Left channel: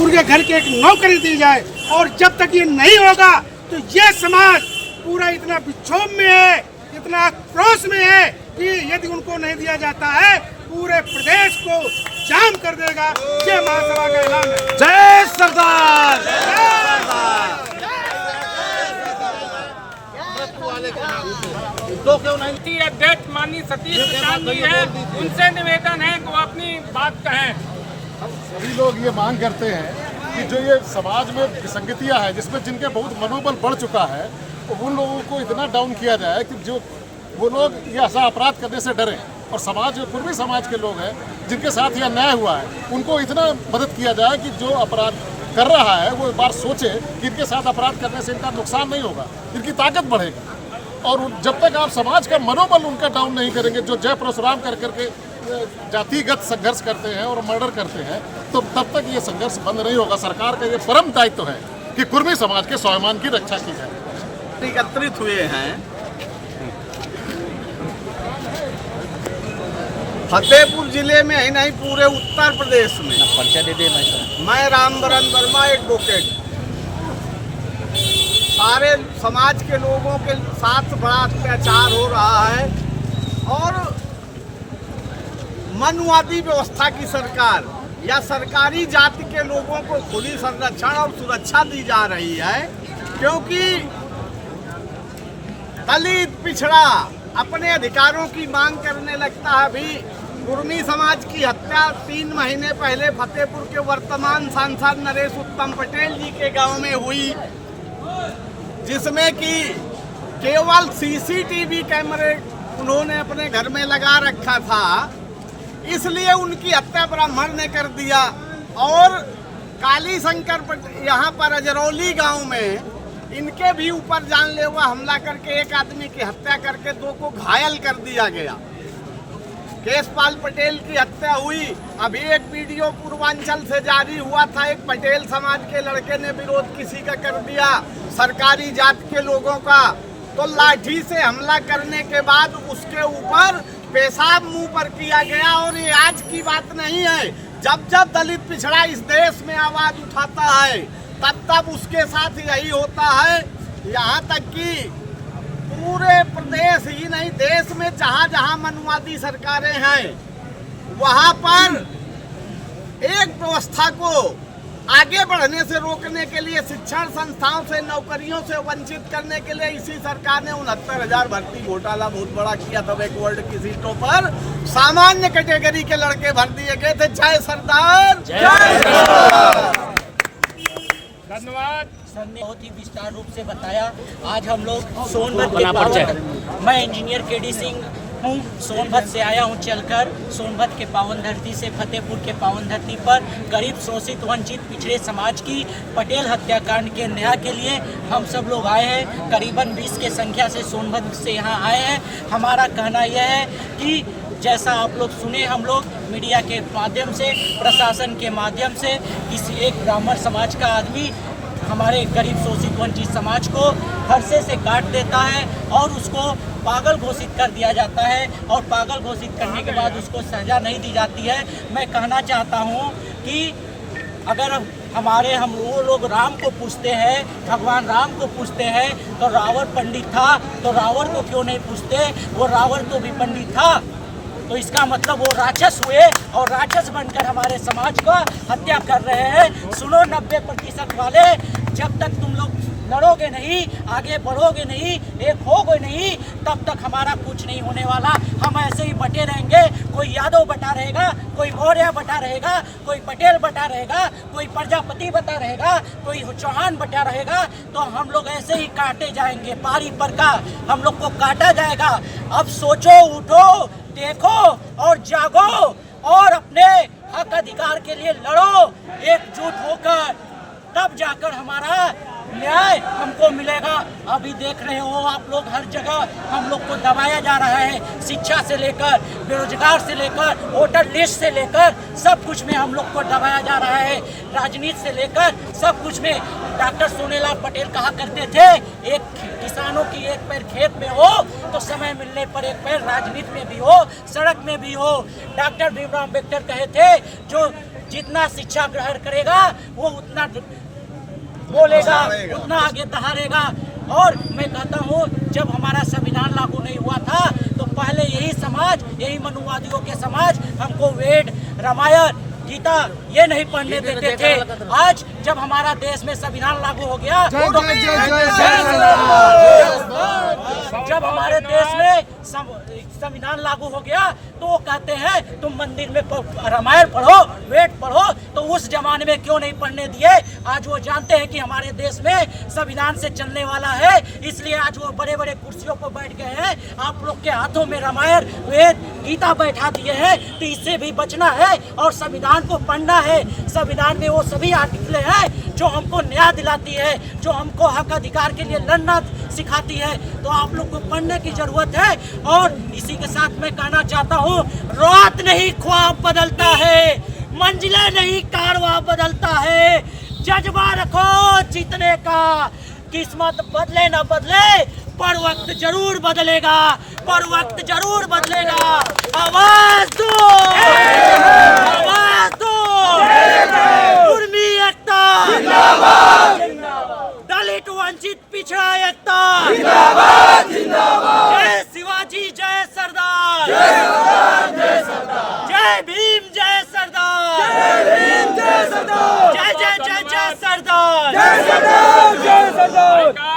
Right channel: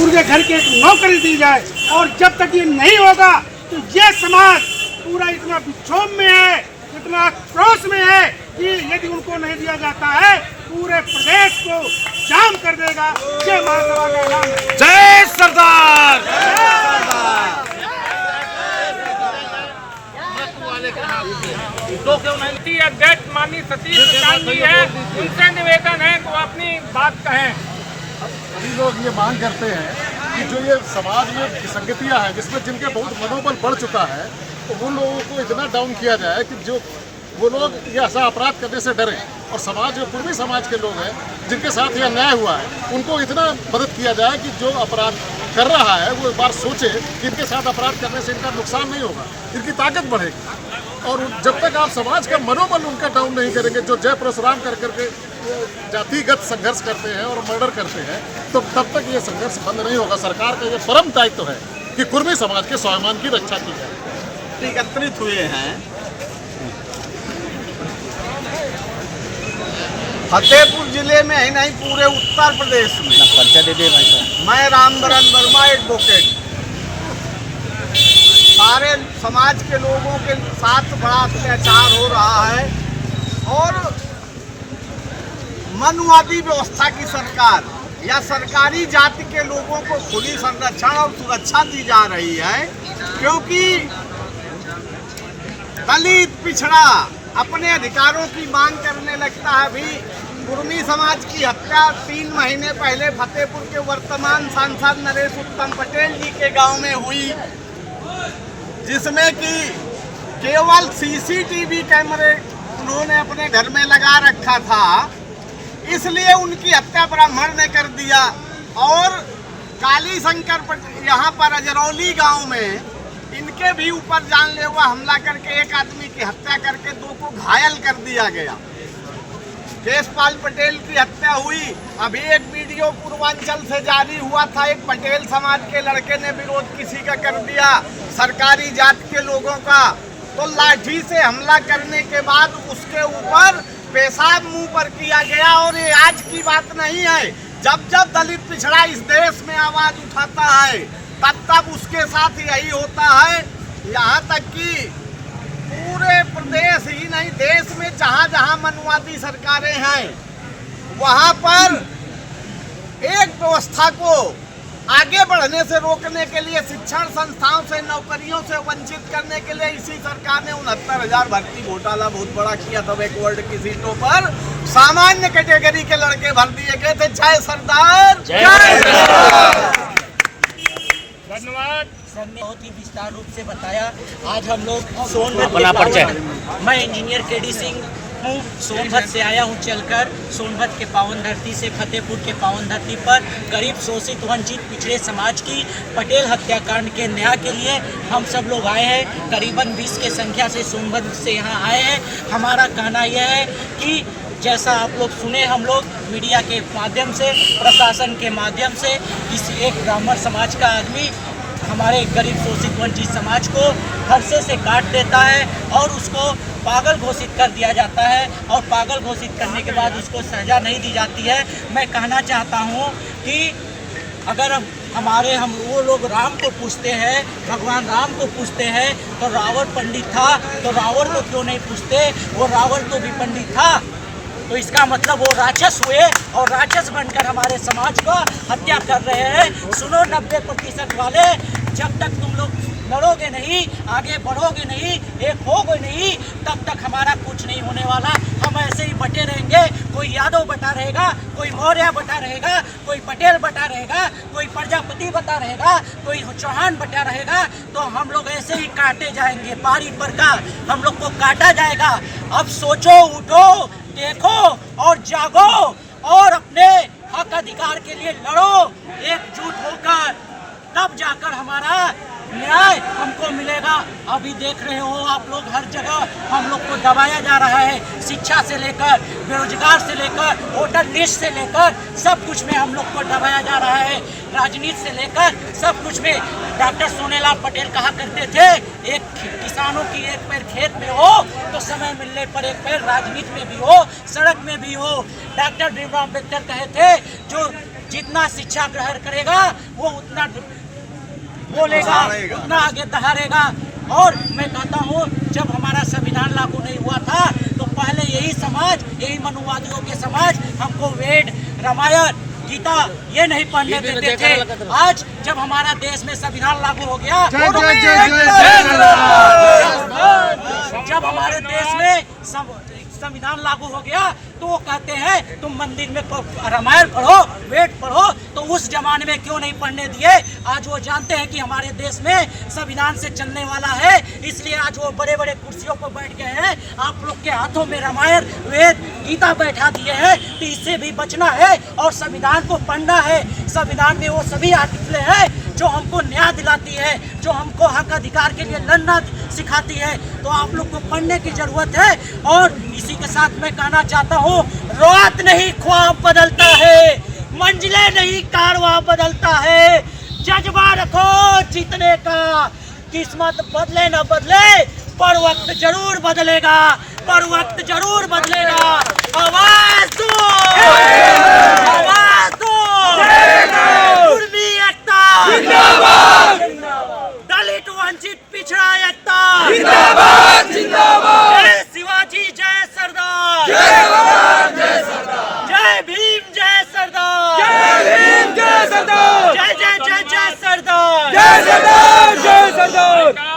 उनके घर की एक नौकरी दी जाए। और जब तक ये नहीं होगा तो ये समाज पूरा इतना विक्षोभ में है, इतना आक्रोश में है कि यदि उनको नहीं दिया जाता है पूरे प्रदेश को जाम कर देगा। जय महासभा का ऐलान है। जय सरदार। अध्यक्ष माननीय सतीश प्रसाद जी है, उनसे निवेदन है तो अपनी बात कहें। सभी लोग ये मांग करते हैं कि जो ये समाज में विसंगतियां हैं, जिसमें जिनके बहुत मनोबल बढ़ चुका है, तो उन लोगों को इतना डाउन किया जाए कि जो वो लोग ये ऐसा अपराध करने से डरें। और समाज जो पूर्वी समाज के लोग हैं जिनके साथ यह अन्याय हुआ है, उनको इतना मदद किया जाए कि जो अपराध कर रहा है वो एक बार सोचे कि इनके साथ अपराध करने से इनका नुकसान नहीं होगा, इनकी ताकत बढ़ेगी। और जब तक आप समाज का मनोबल उनका डाउन नहीं करेंगे, जो जय परशुराम कर करके जातिगत संघर्ष करते हैं और मर्डर करते हैं, तो तब तक ये संघर्ष बंद नहीं होगा। सरकार का ये परम दायित्व है कि कुर्मी समाज के स्वाभिमान की रक्षा की जाए। एकत्रित हुए हैं फतेहपुर जिले में ही नहीं पूरे उत्तर प्रदेश में। मैं रामबरन वर्मा एडवोकेट, सारे समाज के लोगों के साथ बड़ा अत्याचार हो रहा है और मनवादी व्यवस्था की सरकार या सरकारी जाति के लोगों को खुली संरक्षण और सुरक्षा दी जा रही है, क्योंकि दलित पिछड़ा अपने अधिकारों की मांग करने लगता है। अभी कुर्मी समाज की हत्या 3 महीने पहले फतेहपुर के वर्तमान सांसद नरेश उत्तम पटेल जी के गांव में हुई, जिसमें कि केवल सीसीटीवी कैमरे उन्होंने अपने घर में लगा रखा था, इसलिए उनकी हत्या ब्राह्मण ने कर दिया। और काली शंकर यहाँ पर अजरौली गांव में इनके भी ऊपर जानलेवा हमला करके एक आदमी की हत्या करके 2 को घायल कर दिया गया। केशपाल पटेल की हत्या हुई। अभी एक वीडियो पूर्वांचल से जारी हुआ था, एक पटेल समाज के लड़के ने विरोध किसी का कर दिया सरकारी जाति के लोगों का, तो लाठी से हमला करने के बाद उसके ऊपर पेशाब मुंह पर किया गया। और ये आज की बात नहीं है, जब जब दलित पिछड़ा इस देश में आवाज उठाता है तब तब उसके साथ यही होता है। यहाँ तक कि पूरे प्रदेश ही नहीं, देश में जहाँ जहाँ मनवादी सरकारें हैं वहाँ पर एक व्यवस्था को आगे बढ़ने से रोकने के लिए, शिक्षण संस्थाओं से, नौकरियों से वंचित करने के लिए इसी सरकार ने 69,000 भर्ती घोटाला बहुत बड़ा किया था। बैकवर्ड की सीटों पर सामान्य कैटेगरी के लड़के भर दिए गए थे। जय सरदार, जय धन्यवाद। सर ने बहुत ही विस्तार रूप से बताया। आज हम लोग सोनभद्र, मैं इंजीनियर केडी सिंह हूँ, सोनभद्र से आया हूँ चलकर। सोनभद्र के पावन धरती से फतेहपुर के पावन धरती पर गरीब शोषित वंचित पिछड़े समाज की पटेल हत्याकांड के न्याय के लिए हम सब लोग आए हैं। करीबन 20 के संख्या से सोनभद्र से यहाँ आए हैं। हमारा कहना यह है कि जैसा आप लोग सुने, हम लोग मीडिया के माध्यम से, प्रशासन के माध्यम से, इस एक ब्राह्मण समाज का आदमी हमारे गरीब शोषित वंचित समाज को फरसे से काट देता है और उसको पागल घोषित कर दिया जाता है। और पागल घोषित करने के बाद उसको सजा नहीं दी जाती है। मैं कहना चाहता हूँ कि अगर हम वो लोग राम को पूछते हैं, भगवान राम को पूछते हैं, तो रावण पंडित था, तो रावण को क्यों नहीं पूछते? वो रावण तो भी पंडित था। तो इसका मतलब वो राक्षस हुए और राक्षस बनकर हमारे समाज को हत्या कर रहे हैं। सुनो 90% वाले, जब तक तुम लोग लड़ोगे नहीं, आगे बढ़ोगे नहीं, एक होगे नहीं, तब तक हमारा कुछ नहीं होने वाला। हम ऐसे ही बटे रहेंगे। कोई यादव बटा रहेगा, कोई मौर्य बटा रहेगा, कोई पटेल बटा रहेगा, कोई प्रजापति बटा रहेगा, कोई चौहान बटा रहेगा। तो हम लोग ऐसे ही काटे जाएंगे, पारी पर का हम लोग को काटा जाएगा। अब सोचो, उठो, देखो और जागो और अपने हक अधिकार के लिए लड़ो एकजुट होकर, तब जाकर हमारा न्याय हमको मिलेगा। अभी देख रहे हो आप लोग, हर जगह हम लोग को दबाया जा रहा है। शिक्षा से लेकर, बेरोजगार से लेकर, वोटर लिस्ट से लेकर सब कुछ में हम लोग को दबाया जा रहा है। राजनीति से लेकर सब कुछ में। डॉक्टर सोनेलाल पटेल कहा करते थे, एक किसानों की एक पैर खेत में हो तो समय मिलने पर एक पैर राजनीति में भी हो, सड़क में भी हो। डॉक्टर भीमराव अम्बेडकर कहे थे, जो जितना शिक्षा ग्रहण करेगा वो उतना बोलेगा, उतना आगे दहाड़ेगा। और मैं कहता हूँ जब हमारा संविधान लागू नहीं हुआ था तो पहले यही समाज, यही मनुवादियों के समाज हमको वेद, रामायण, गीता ये नहीं पढ़ने देते थे। आज जब हमारा देश में संविधान लागू हो गया तो जब हमारे देश में संविधान लागू हो गया तो वो कहते हैं तुम मंदिर में रामायण पढ़ो, वेद पढ़ो, तो उस जमाने में क्यों नहीं पढ़ने दिए? आज वो जानते हैं कि हमारे देश में संविधान से चलने वाला है, इसलिए आज वो बड़े बड़े कुर्सियों पर बैठ गए हैं। आप लोग के हाथों में रामायण, वेद, गीता बैठा दिए हैं, तो इससे भी बचना है और संविधान को पढ़ना है। संविधान में वो सभी आर्टिकल हैं जो हमको न्याय दिलाती है, जो हमको हक अधिकार के लिए लड़ना सिखाती है, तो आप लोग को पढ़ने की जरूरत है। और इसी के साथ मैं कहना चाहता हूँ, रात नहीं ख्वाब बदलता है, मंजिलें नहीं कारवां बदलता है, जज्बा रखो जीतने का, किस्मत बदले न बदले पर वक्त जरूर बदलेगा, पर वक्त जरूर बदलेगा। आवाज दो, आवाज दो, कुर्मी एकता जिंदाबाद, दलित वंचित पिछड़ा एकता जिंदाबाद, जिंदाबाद, जय शिवाजी जय सरदार, जय सरदार, जय भीम जय सरदार, जय भीम जय सरदार, जय जय जय जय सरदार, जय सरदार, जय सरदार।